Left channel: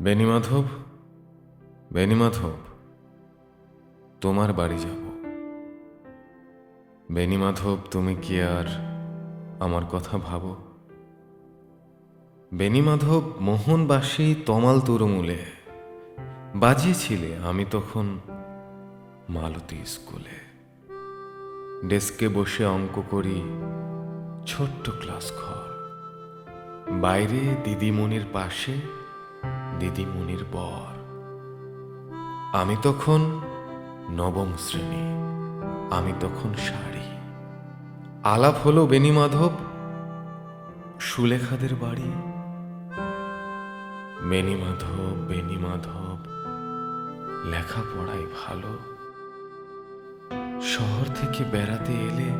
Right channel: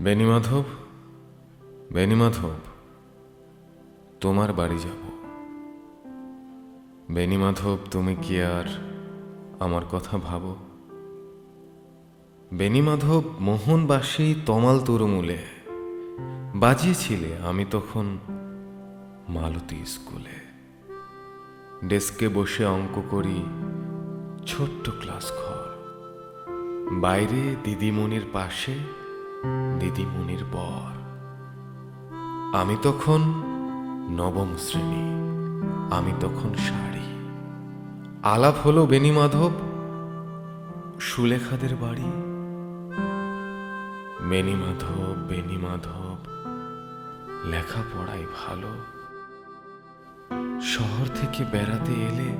বেণীমাধব, বেণীমাধব, তোমার বাড়ি যাব। বেণীমাধব, তুমি কি আর আমার কথা ভাবো? বেণীমাধব, মোহনবাসী তমাল তরুমূলে বাজিয়েছিলে আমি তখন মালতী স্কুলে। ডেস্কে বসে অঙ্ক করি, ছোট্ট ক্লাস ঘর, বাইরে দিদিমণির পাশে দিদিমণির বর। আমি তখন নবম শ্রেণী, আমি তখন শাড়ি। আলাপ হলো বেণীমাধব, সুলেখাদের বাড়ি। বেণীমাধব, বেণীমাধব, লেখাপড়াই ভালো। শহর থেকে বেড়াতে এলে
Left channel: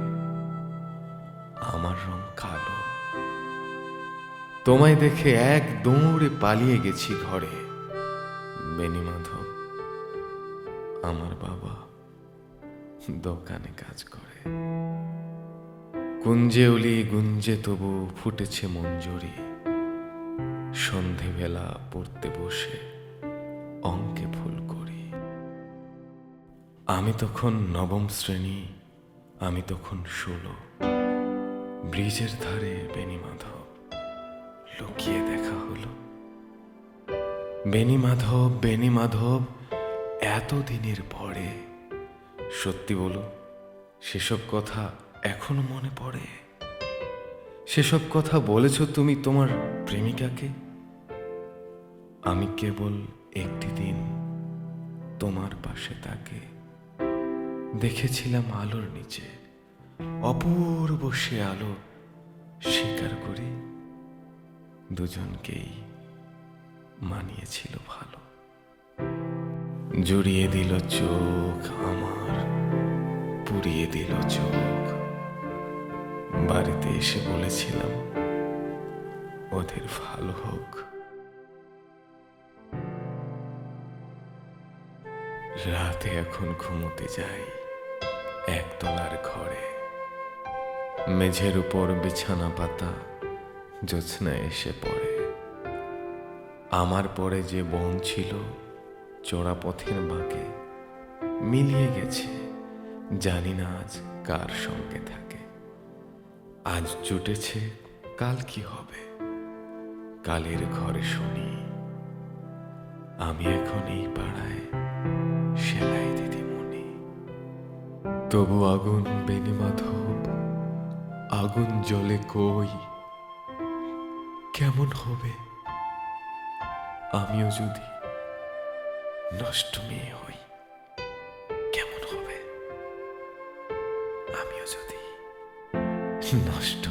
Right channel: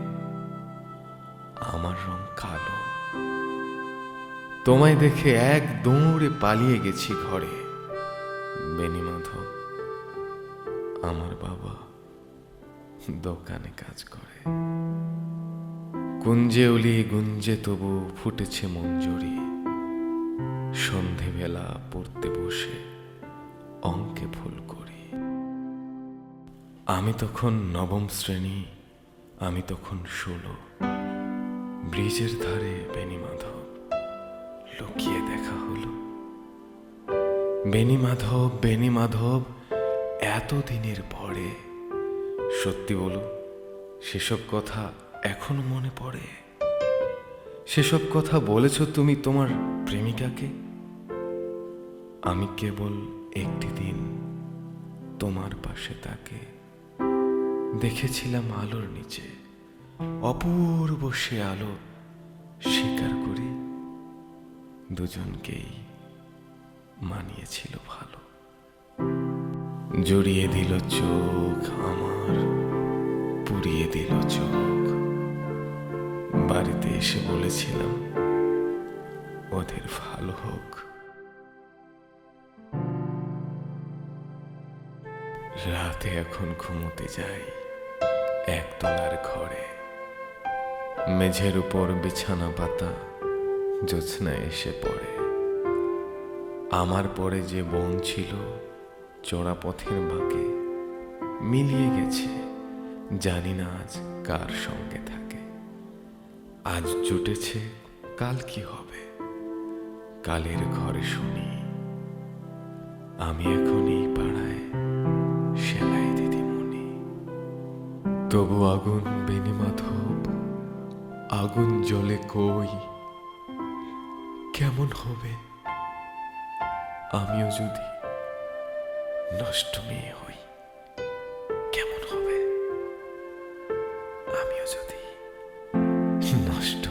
আমার রং কালো। তোমায় দেখে এক দৌড়ে পালিয়ে গেছি ঘরে। বেণীমাধব, আমার বাবা দোকানে কাজ করে। কুঞ্জে উলি গুঞ্জে তবু ফুটেছে মঞ্জুরি। সন্ধেবেলা পড়তে বসে অঙ্কে ভুল করি। আমি তখন নবম শ্রেণী, আমি তখন 16। ব্রিজের ধারে বেণীমাধব, লুকিয়ে দেখা হলো। বেণীমাধব, বেণীমাধব, এতদিনের পরে সত্যি বলো, সেসব কথা এখনো মনে পড়ে? সেসব কথা বলেছ তুমি তোমার প্রেমিকাকে? আমি কেবল একটি দিন তোমার পাশে তাকে দেখেছিলাম আলোর নিচে, অপূর্ব সে আলো। স্বীকার করি, দুজনকেই মানিয়েছিল ভালো। জড়িয়ে দিল চোখ আমার, পুড়িয়ে দিল চোখ। বাড়িতে এসে বলেছিলাম ওদের ভালো হোক। রাতে এখন ঘুমোতে যাই একতলার ঘরে। মেঝের উপর বিছানা পাতা, জ্যোৎস্না এসে পড়ে। আমার পরে যে বোন ছিল চোরা পথের বাঁকে মিলিয়ে গেছে, জানি না আজ কার সঙ্গে থাকে। আজ জুটেছে, কাল কি হবে? কালের ঘরে শুনি আমি এখন এই পাড়ায় সেলাই দিদিমণি। তবু আগুন বেণীমাধব, আগুন জ্বলে কই। কেমন হবে আমিও যদি নষ্ট মেয়ে হই? কেমন হবে আমিও যদি নষ্ট